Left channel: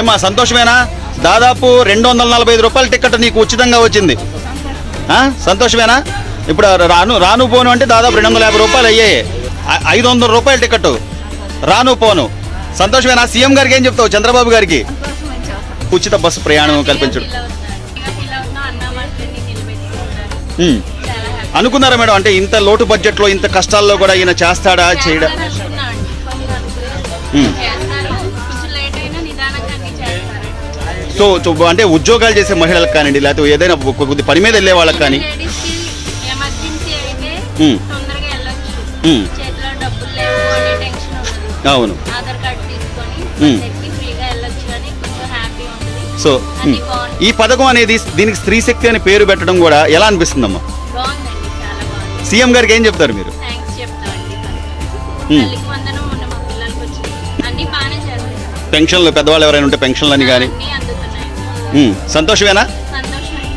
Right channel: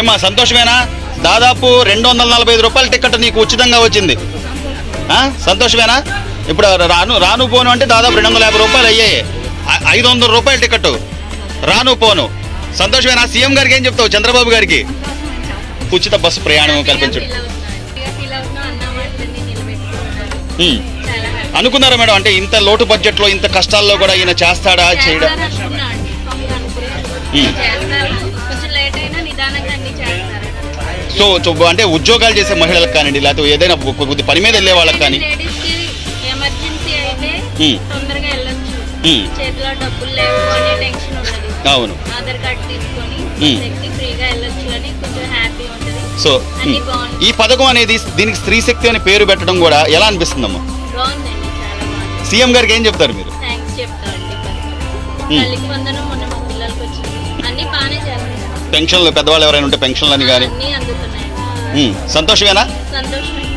ఏమా సంతోషమేనా? దాదాపు రెండు వందల నలభై ఐదు రూపాయల టికెట్ నీకు ఉచితంగా వచ్చింది? సంతోషమేనా? ఇప్పుడు రాను రాను పోను అంటే దాదాపు రెండు వందల యాభై రూపాయలు అయ్యాయి. ఐదు వందల రూపాయల టికెట్ రాను పోను. సంతోషమేనా? సీఎం గారికి ఏం చెప్తావు? చంద్రబాబు గారికి? ఉచిత బస్సు ప్రయాణం కల్పించడం. అనుకున్నారా మేడం? అంటే ఇంత లోటు బడ్జెట్లో ఇంత కష్టాల్లో కూడా ఈయన చేస్తాడా చేయడా? సో అంటే ఉద్యోగాలు చేసే మహిళలకు కానివ్వండి లేకపోతే ఏదైనా కొద్ది పని మీద వెళ్ళే వాళ్ళకి కానీ. అవును. సో ఈ పథకం అనేది దీనికి స్త్రీ శక్తి అని పేరు పెట్టడం కూడా ఎలా అనిపిస్తుందమ్మా? సీఎం గారికి ఏం చెప్తారు మీరు? పెన్షన్లు పెద్దవాళ్ళు ఎవరైనా ఉంటే పెన్షన్లు అని కానీ సంతోషమేనా?